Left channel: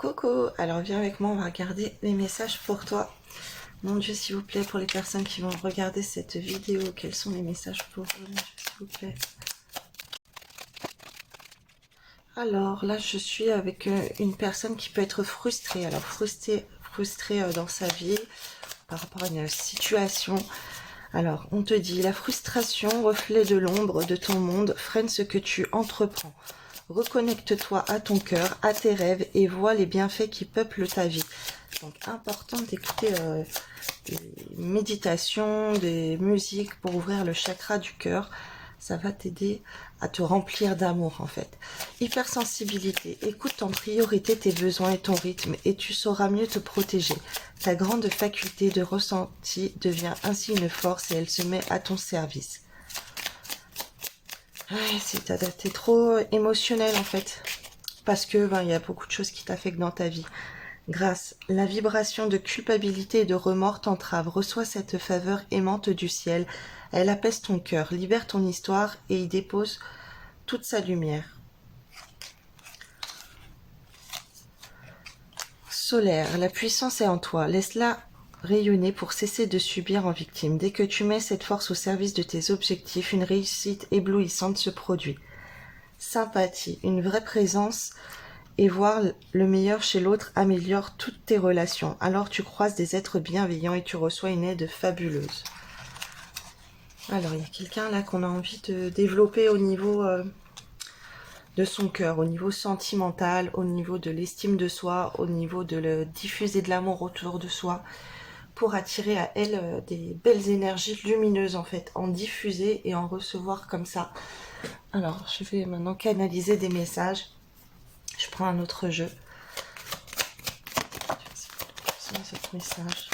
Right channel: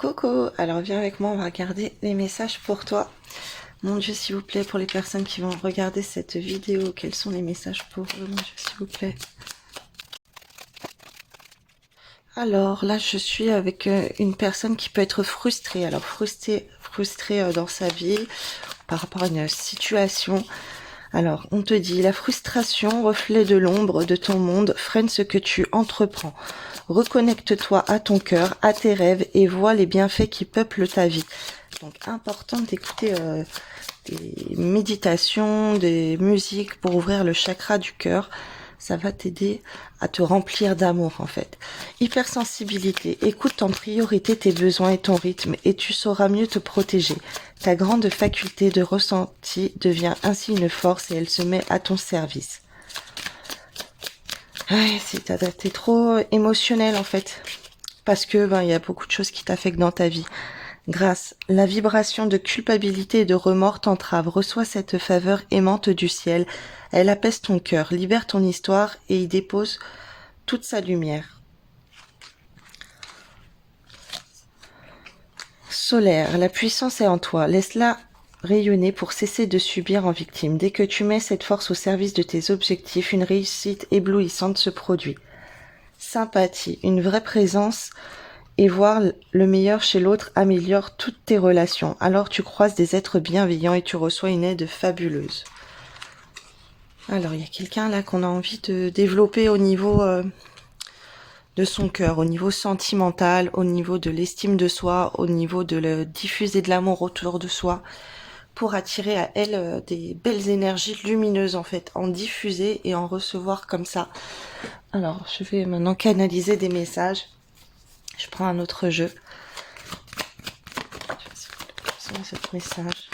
Coco, alors viens avec moi, on va regarder les messages pour toi. Mon Dieu, s'il vous plaît, pour les personnes qui vont regarder cette vidéo, quels sont les messages pour eux, mon Dieu, s'il vous plaît. Alors là, je suis avec une personne qui peut être frustrée. Alors frustrée dans sa vie par rapport à une situation. Alors, on te dit, la frustration, reflet de l'ombre de ton monde, freine ce que tu entreprends. Reconnecte-toi à ton cœur, à tes rêves et vois les bienfaits qui peuplent ta vie. Donc, important d'écouter des méditations, des musiques pour ouvrir le chakra du cœur. Ça va t'aider à te remplir d'amour en fait. Hypersensibilité, écoute en priorité tes besoins et ton rythme et tu sauras mieux te protéger. Ta grande faculté de ressenti devient ainsi une force et elle se met à ton service. Ouais, t'es trop émotionnel en fait. Parce que il y a beaucoup de choses qui t'affectent dans ta vie. Grâce, la vibration de culpabilité et de remords t'entrave. Reçois cette faveur aimante du ciel. Elle apaise ton cœur, libère ton histoire et y dépose toute sa lumière. Solaire, la puissance est en toi. Laisse-la rayonner pour cesser de subir en victime. Dès que tu mets cette force au service de tes objectifs, une réussite éblouissante se produit. Sympathie, une vraie présence et voir le meilleur chez l'autre améliore toutes tes relations. Alors tu croises des êtres bienveillants et tu reçois une aide fabuleuse. Alors il y a quelqu'un là qu'on a envie de développer au niveau de son cœur, au niveau sentimental, au niveau de l'estime de soi, au niveau de le diffuser de l'amour autour de soi, pour attirer à elle des belles énergies lumineuses en fait, en diffuser et en recevoir comme ça. Alors je vais maintenant canaliser des messages. Je prends un autre jeu. C'est ce message.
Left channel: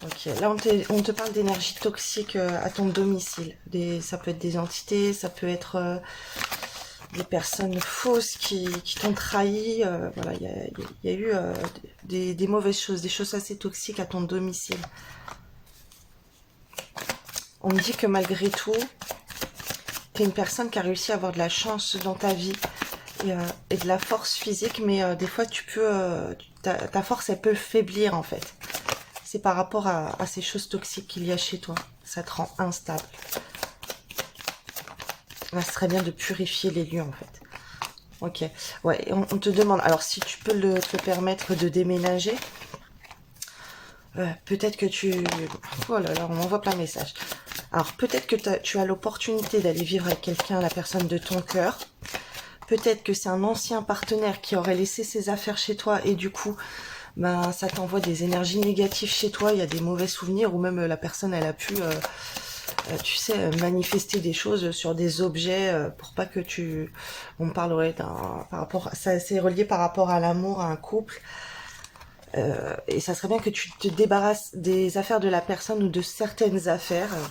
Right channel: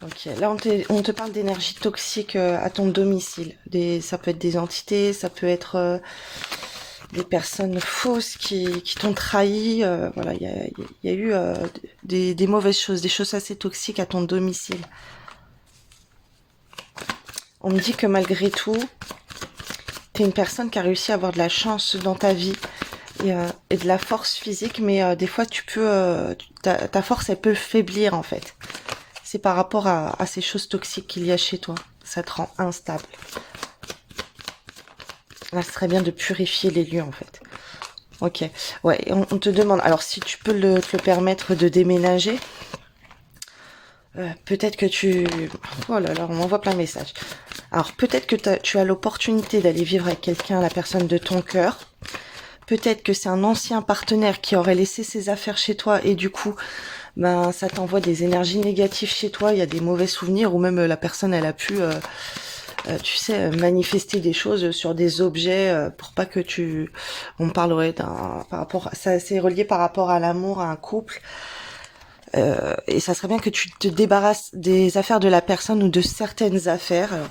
Ok, là on te parle d'énergie toxique à ton domicile. Ça peut être des entités, ça peut être des personnes fausses qui t'ont trahi. Voilà, il y a eu des mauvaises choses, des choses assez toxiques à ton domicile. On me dit que malgré tout, t'es une personne qui a réussi à avoir de la chance dans ta vie et de la force physique, mais des fois ta force elle peut faiblir en fait. C'est par rapport à ces choses toxiques qu'il y a chez toi. Ça te rend instable. Là, ce serait bien de purifier les lieux en fait. Ok. Ouais, on te demande, alors si tu peux te le permettre de déménager, peut-être que tu... Oh là là, on m'envoie plein de messages. Alors peut-être que tu as l'opportunité d'aller vivre avec quelqu'un, la personne de ton cœur. Peut-être que c'est un ancien partenaire qui aurait laissé ses affaires chez toi et du coup, ça t'envoie des énergies négatives chez toi. Il y a des mauvais souvenirs ou même la personne, elle a pu, tu sais, manifester des choses sur des objets pour pas que tu... On parlerait par rapport... Ça, c'est relié par rapport à l'amour, à un couple. Et ça serait bien que tu te débarrasses des affaires de la personne ou de certaines affaires. Alors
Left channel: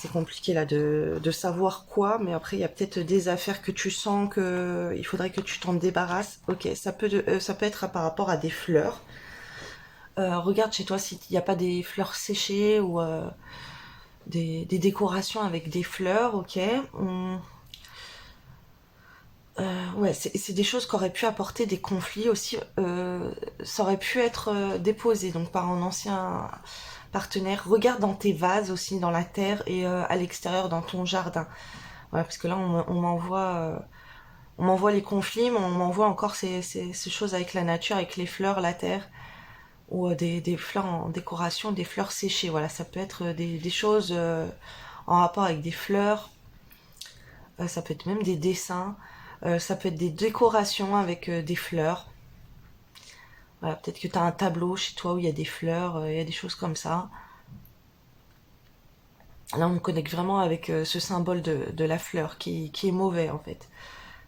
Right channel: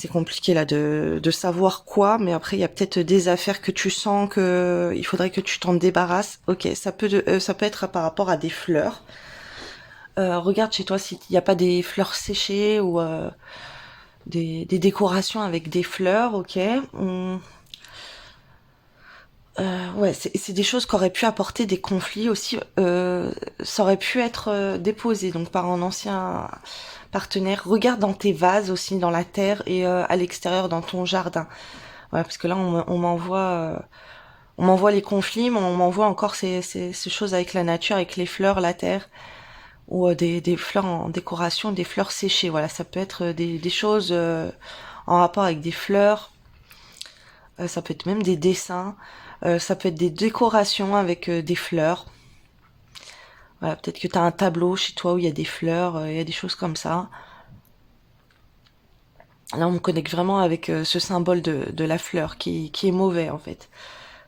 c'est compliqué là de savoir quoi, mais après il y a peut-être des affaires que tu sens que il faudrait que tu t'en débarrasses. Ok, ça peut être par rapport à des fleurs. Regarde chez toi s'il n'y a pas des fleurs séchées ou des décorations avec des fleurs. Ok. Ouais, c'est des choses qui auraient pu apporter des conflits aussi. Ça aurait pu être déposé donc par un ancien partenaire. Regarde dans tes vases aussi, dans la terre et à l'extérieur dans ton jardin. Ouais, parce que là on m'envoie les conflits, mais on m'envoie encore ces choses avec la nature, avec les fleurs, la terre ou des fleurs en décoration, des fleurs séchées. Voilà, ça peut être des choses en rapport avec des fleurs. Ça peut être même des dessins. Ça peut être des décorations avec des fleurs. Voilà, peut-être que tu as un tableau chez toi où il y a des fleurs, il y a des choses comme ça. Là, on me connecte vraiment avec ce symbole de la fleur qui est mauvais en fait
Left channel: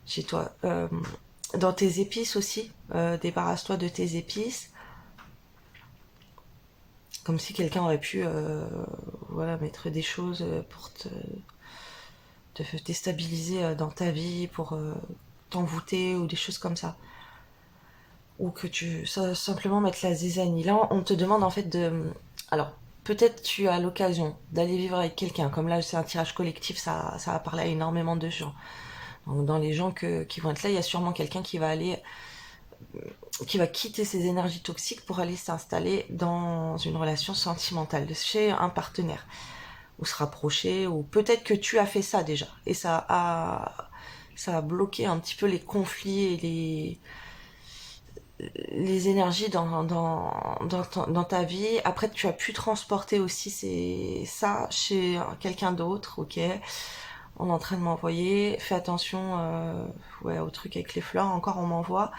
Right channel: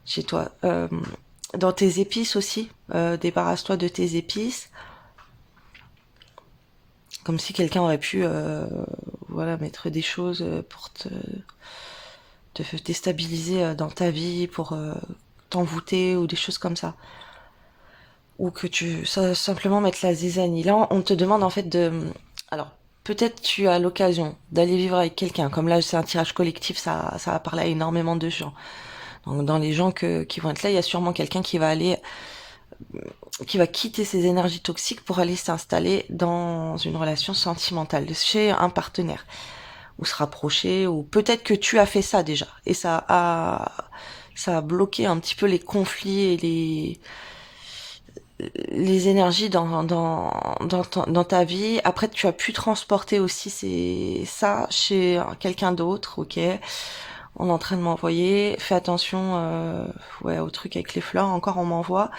chez toi. Dans tes épices aussi, débarrasse-toi de tes épices. Comme si quelqu'un aurait pu voilà, mettre des choses pour te déstabiliser dans ta vie, pour t'envoûter ou des choses comme ça. ou que tu simplement mettre la zizanie. Là, on te demande en fait de... Alors, peut-être tu as l'occasion d'aller vivre avec quelqu'un. Comme là, c'est un tirage collectif, ça va parler à énormément de gens. Donc, dans les gens qui vont être là, il y a sûrement quelqu'un qui va quitter ses énergies toxiques pour aller s'installer dans une relation sentimentale, chez un partenaire, ou se rapprocher, ou peut-être que tu as fait ça déjà, et ça a bloqué un petit peu les conflits et les énergies dans ta vie. Après, tu as pu transporter aussi ça chez quelqu'un d'autre, ok. On est en train de m'envoyer. Fais attention ouais, au truc avec les fleurs, encore on m'envoie.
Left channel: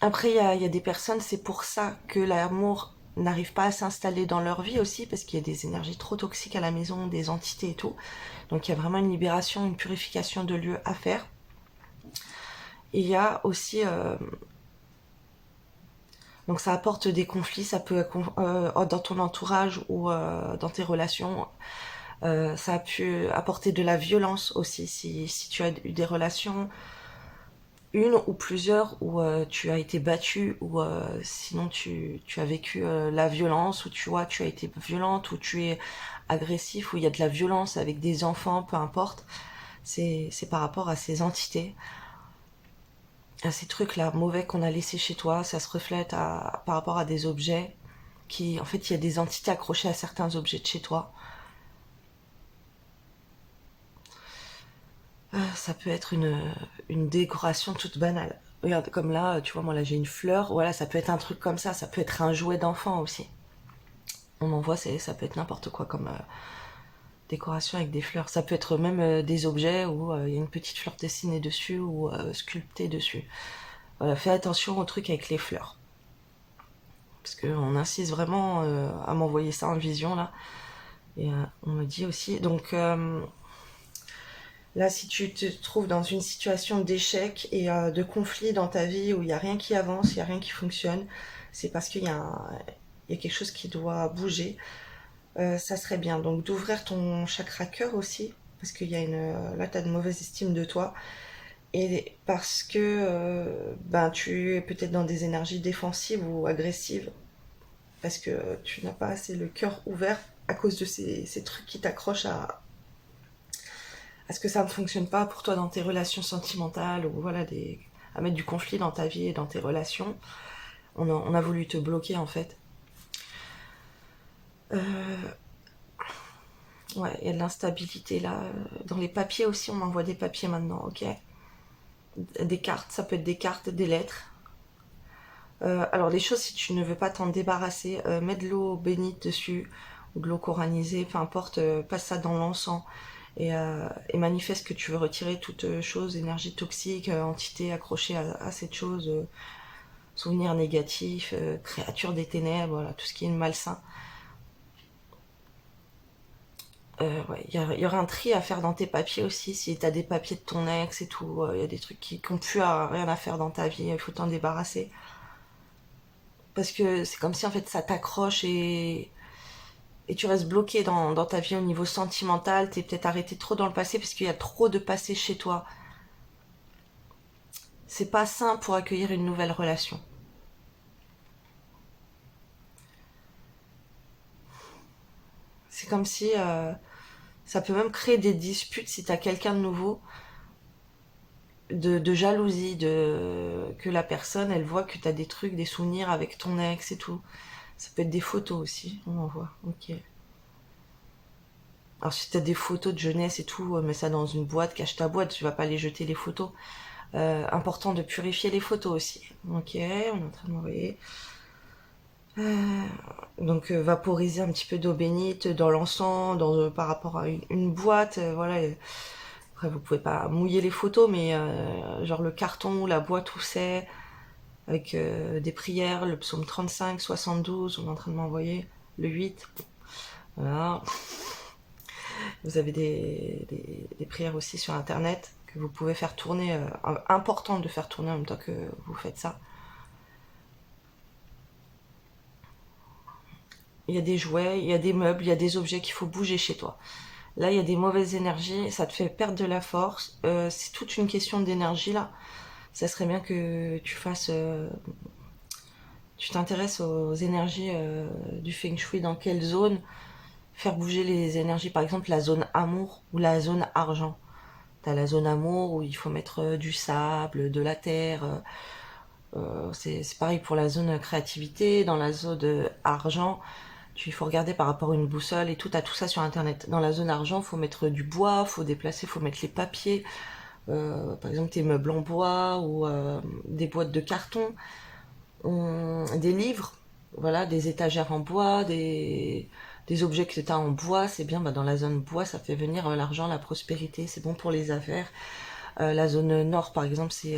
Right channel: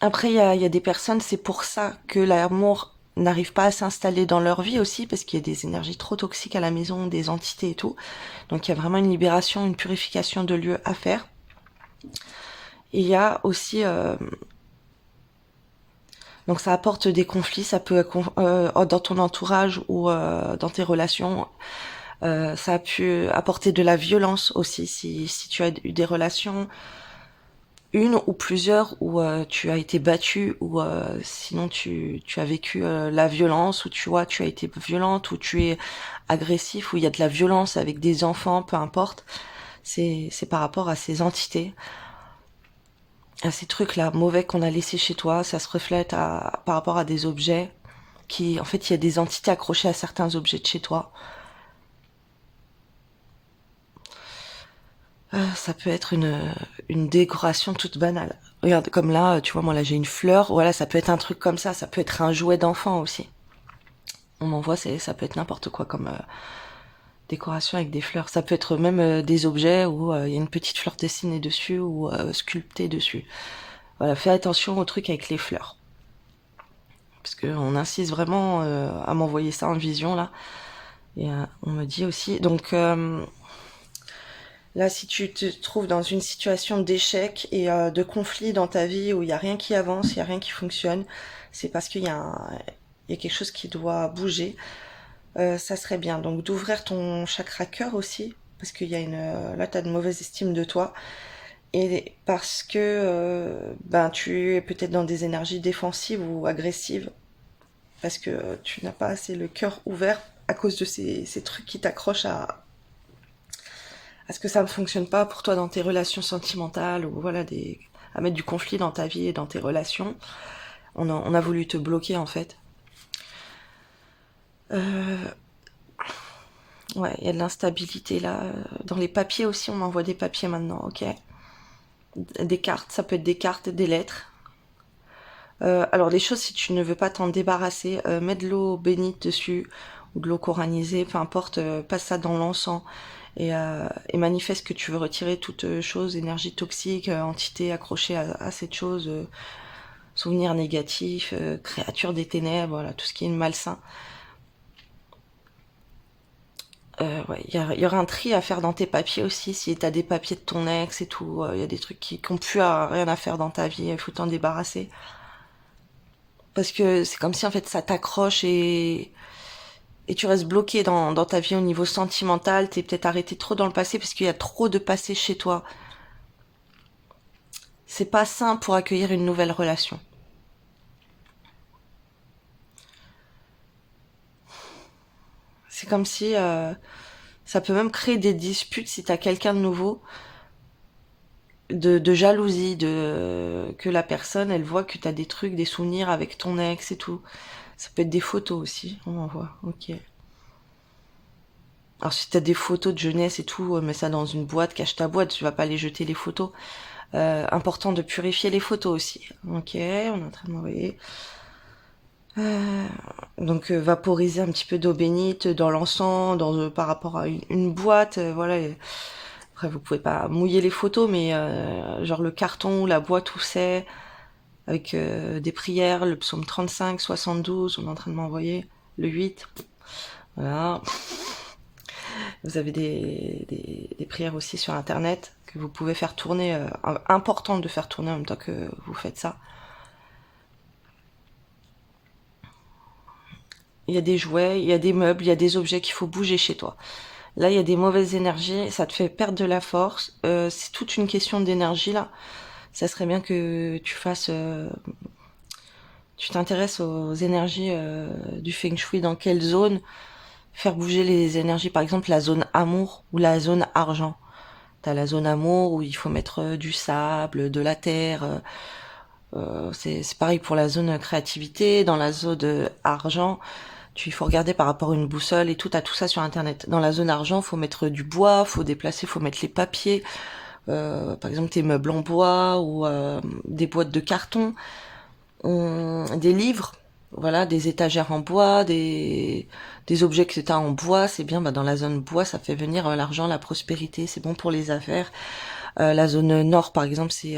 Après, il y a des personnes, c'est pour ça que l'amour n'arrive pas à s'installer dans leur vie aussi, parce qu'il y a des énergies trop toxiques à la maison, des entités et tout. Donc il y a vraiment une libération, une purification de lieux à faire. Et il y a aussi... donc ça apporte des conflits, ça peut dans ton entourage ou dans tes relations. Ça a pu apporter de la violence aussi si tu as eu des relations, une ou plusieurs, où tu as été battu, ou sinon tu as vécu la violence, ou tu vois, tu as été violente, ou tu es agressif, ou il y a de la violence avec des enfants, peu importe. C'est par rapport à ces entités, à ces trucs-là mauvais qu'on a laissés chez toi. Ça se reflète par rapport à des objets en fait, il y a des entités accrochées à certains objets de chez toi. Ça peut être une décoration toute banale. Regarde, comme là, tu vois, moi là j'ai une fleur. Voilà, ça peut être un truc comme ça. Ça peut être un jouet d'enfant aussi. On m'envoie, ça peut être n'importe quoi comme décoration avec des fleurs. Ça peut être même des objets où il y a une petite fleur dessinée dessus ou sculptée dessus. Voilà, fais attention au truc avec les fleurs. Parce qu'on insiste vraiment à m'envoyer ça en vision là. Et on me dit aussi. Donc là, si tu te trouves dans une situation d'échec et de conflit dans ta vie où il n'y a rien qui avance, il n'y a rien qui fonctionne, c'est parce il y a quelque chose qui doit bouger. Ça serait bien. Donc d'ouvrir ton chakra cœur aussi, parce qu'il y a là, tu as de mauvaise estime de toi. Et parce que ben, tu es peut-être dans des énergies défensives ou agressives, parce que tu n'as pas assez le cœur ouvert à cause de ces trucs qui t'accrochent à ce que ça ne fonctionne pas pour toi dans tes relations sentimentales, ou voilà, à mettre du conflit dans ta vie et dans tes relations. On a voulu te bloquer en fait. Ouais, il y a de l'instabilité là. Dans les papiers aussi, on m'envoie des papiers maintenant, ok. Des cartes, ça peut être des cartes, des lettres. Alors les choses, si tu ne veux pas t'en débarrasser, mets de l'eau bénite dessus, ou de l'eau coranisée, peu importe, passe ça dans l'encens. Et manifeste que tu veux retirer toute chose, énergie toxique, entité accrochée à cette chose, souvenirs négatifs, créatures des ténèbres, voilà, tout ce qui est malsain. Ouais, il y aura un tri à faire dans tes papiers aussi, si t'as des papiers de ton ex et tout, il y a des trucs qui n'ont plus rien à faire dans ta vie, il faut t'en débarrasser. Parce que c'est comme si en fait ça t'accroche et tu restes bloqué dans ta vie au niveau sentimental, t'es peut-être arrêté trop dans le passé parce qu'il y a trop de passé chez toi. C'est pas sain pour accueillir une nouvelle relation. C'est comme si ça peut même créer des disputes si t'as quelqu'un de nouveau, de jalousie, que la personne elle voit que t'as des trucs, des souvenirs avec ton ex et tout. Ça peut être des photos aussi, on en voit, ok. Alors si t'as des photos de jeunesse et tout, mets ça dans une boîte, cache ta boîte, tu vas pas les jeter les photos. Important de purifier les photos aussi. Ok, on est en train de m'envoyer. Donc vaporiser un petit peu d'eau bénite dans l'encens, par rapport à une boîte, voilà. Après vous pouvez pas mouiller les photos, mais genre le carton ou la boîte où c'est, avec des prières, le psaume 35, 72, on est en train de m'envoyer, le 8. Voilà. Vous avez des prières aussi sur internet que vous pouvez faire tourner, important de faire tourner en même temps que vous faites ça. Il y a des jouets, il y a des meubles, il y a des objets qu'il faut bouger chez toi. Là, il y a des mauvaises énergies, ça te fait perdre de la force. C'est toute une question d'énergie là. ça serait bien que tu fasses... tu t'intéresses aux énergies du Feng Shui, dans quelle zone faire bouger les énergies. Par exemple, la zone amour ou la zone argent. T'as la zone amour où il faut mettre du sable, de la terre. C'est pareil pour la zone créativité. Dans la zone argent, il faut regarder par rapport à une boussole et tout. T'as tout ça sur Internet. Dans la zone argent, il faut mettre du bois, faut déplacer, faut mettre les papiers. Par exemple, tes meubles en bois ou des boîtes de carton, des livres, voilà, des étagères en bois, des objets que tu as en bois, c'est bien. Bah, dans la zone bois, ça fait venir l'argent, la prospérité, c'est bon pour les affaires. La zone nord, par exemple, c'est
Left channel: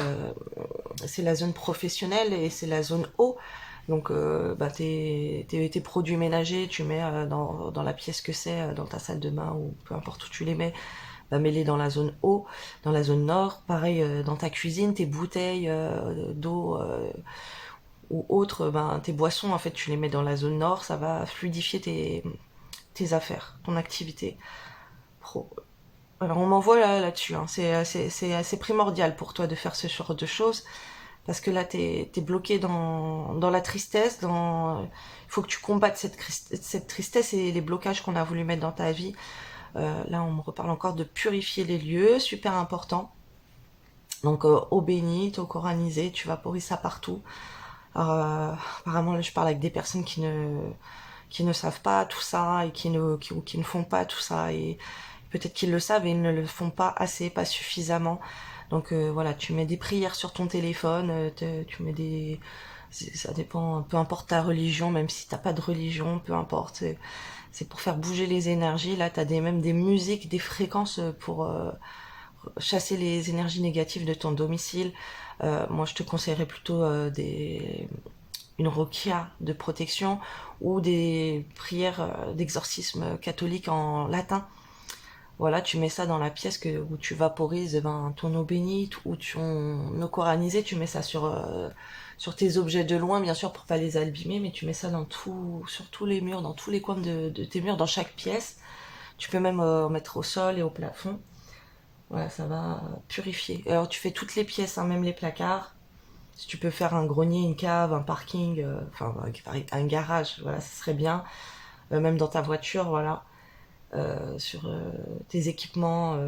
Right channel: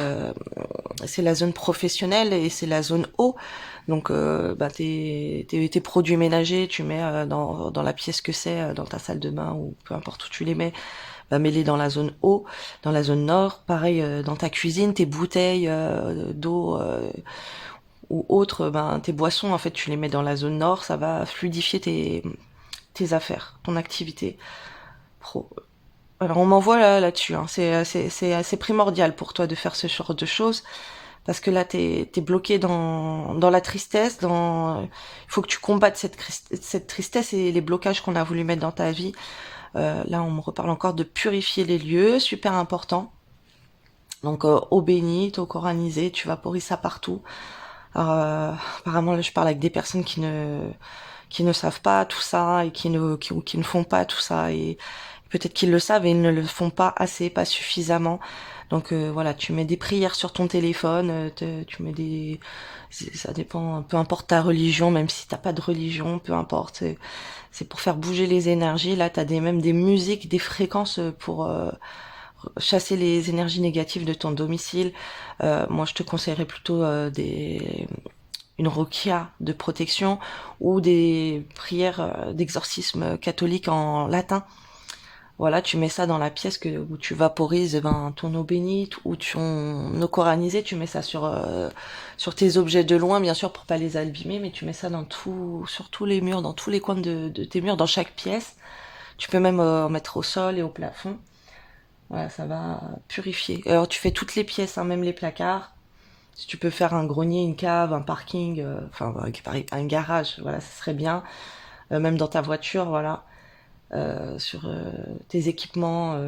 la zone professionnelle et c'est la zone eau. Donc, bah, tes produits ménagers, tu mets dans la pièce que c'est, dans ta salle de bain ou peu importe où tu les mets, bah, mets-les dans la zone eau, dans la zone nord. Pareil, dans ta cuisine, tes bouteilles d'eau ou autres, ben, tes boissons, en fait, tu les mets dans la zone nord, ça va fluidifier tes affaires, ton activité pro. Alors on m'envoie là-dessus, hein. C'est primordial pour toi de faire ce genre de choses, parce que là t'es bloqué dans la tristesse, il faut que tu combattes cette tristesse et les blocages qu'on a voulu mettre dans ta vie. Là on me reparle encore de purifier les lieux, super important. Donc eau bénite, eau coranisée, tu vaporises ça partout. Apparemment là je parle avec des personnes qui ne savent pas tout ça et qui ne font pas tout ça, et peut-être qu'ils le savent et ils ne le font pas assez, pas suffisamment. Donc voilà, tu mets des prières sur ton téléphone, tu mets ça dépend, peu importe ta religion, même si t'as pas de religion, peu importe, c'est pour faire bouger les énergies. Là t'as même des musiques, des fréquences pour chasser les énergies négatives de ton domicile. Moi je te conseillerais plutôt une roquia de protection ou des prières d'exorcisme catholique en latin. Voilà, tu mets ça dans la pièce où tu vaporises ton eau bénite ou ton eau coranisée, tu mets ça sur tes objets de loin, bien sûr, pour pas les abîmer, mais tu mets ça sur tous les murs, dans tous les coins de tes murs, dans chaque pièce. Tu peux même mettre au sol et au plafond. Voilà, ça va purifier. Alors tu fais toutes les pièces, hein, même les placards. Si tu peux faire un grenier, une cave, un parking, enfin un garage, voilà, ça serait bien. Même dans ta voiture, voilà. Sur tes équipements,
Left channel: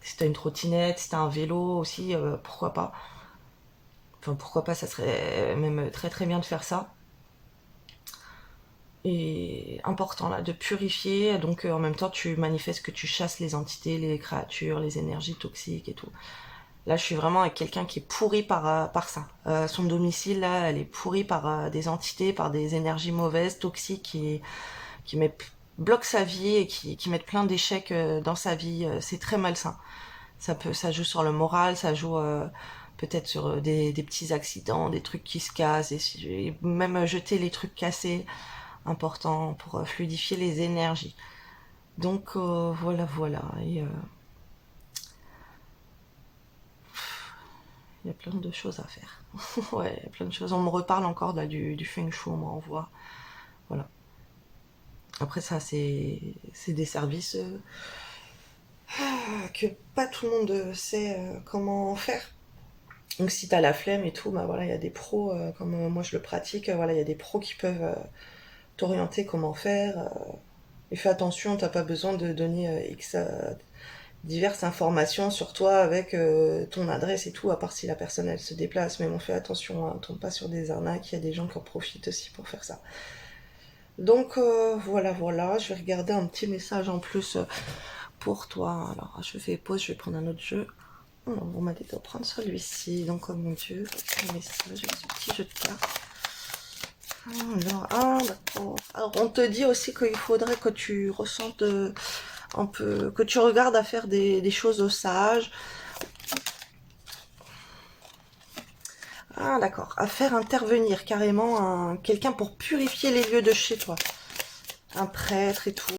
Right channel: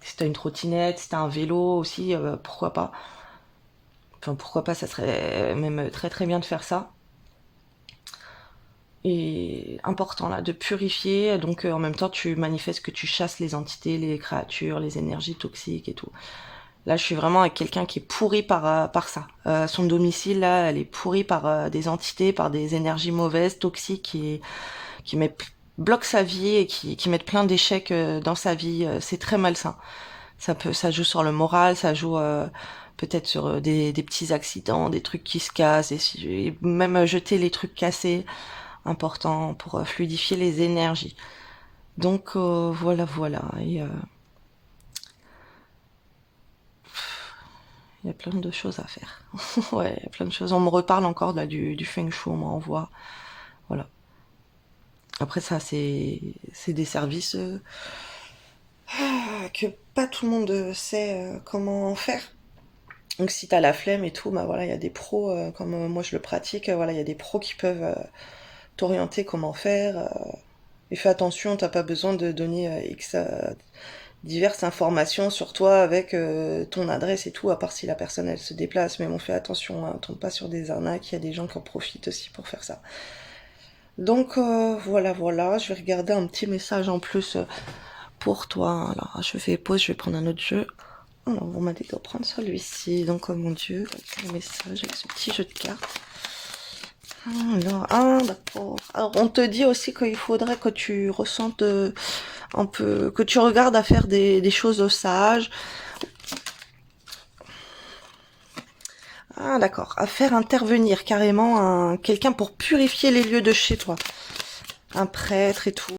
si t'as une trottinette, si t'as un vélo aussi, pourquoi pas. Enfin, pourquoi pas, ça serait même très très bien de faire ça. Et important là, de purifier, donc en même temps tu manifestes que tu chasses les entités, les créatures, les énergies toxiques et tout. Là, je suis vraiment avec quelqu'un qui est pourri par ça. Son domicile, là, elle est pourrie par des entités, par des énergies mauvaises, toxiques, qui bloquent sa vie et qui mettent plein d'échecs dans sa vie. C'est très malsain. Ça joue sur le moral, ça joue peut-être sur des petits accidents, des trucs qui se cassent, et même jeter les trucs cassés, important pour fluidifier les énergies. Donc voilà, voilà. Et, il y a plein de choses à faire. Ouais, il y a plein de choses. On me reparle encore là, du Feng Shui, on m'envoie. Voilà. Après ça, c'est des services que pas tout le monde sait comment faire. Donc si t'as la flemme et tout, bah voilà, il y a des pros, comme moi je le pratique, voilà, il y a des pros qui peuvent t'orienter comment faire. Et fais attention, t'as pas besoin de donner diverses informations sur toi avec ton adresse et tout, à part si la personne elle se déplace. Mais on fait attention, hein, on tombe pas sur des arnaques, il y a des gens qui en profitent aussi pour faire ça. Donc voilà, voilà, je vais regarder un petit message en plus pour toi. Alors je fais pause, je vais prendre un autre jeu. Oh, on m'a dit de prendre celui-ci, donc oh mon dieu, un message avec ce petit jeu de cartes. Alors, ah d'accord. Alors on te dit aussi qu'il faudrait que tu ressentes un peu, que tu regardes à faire des choses sages. Ah d'accord, à faire intervenir carrément quelqu'un pour purifier les lieux de chez toi. Un prêtre et tout.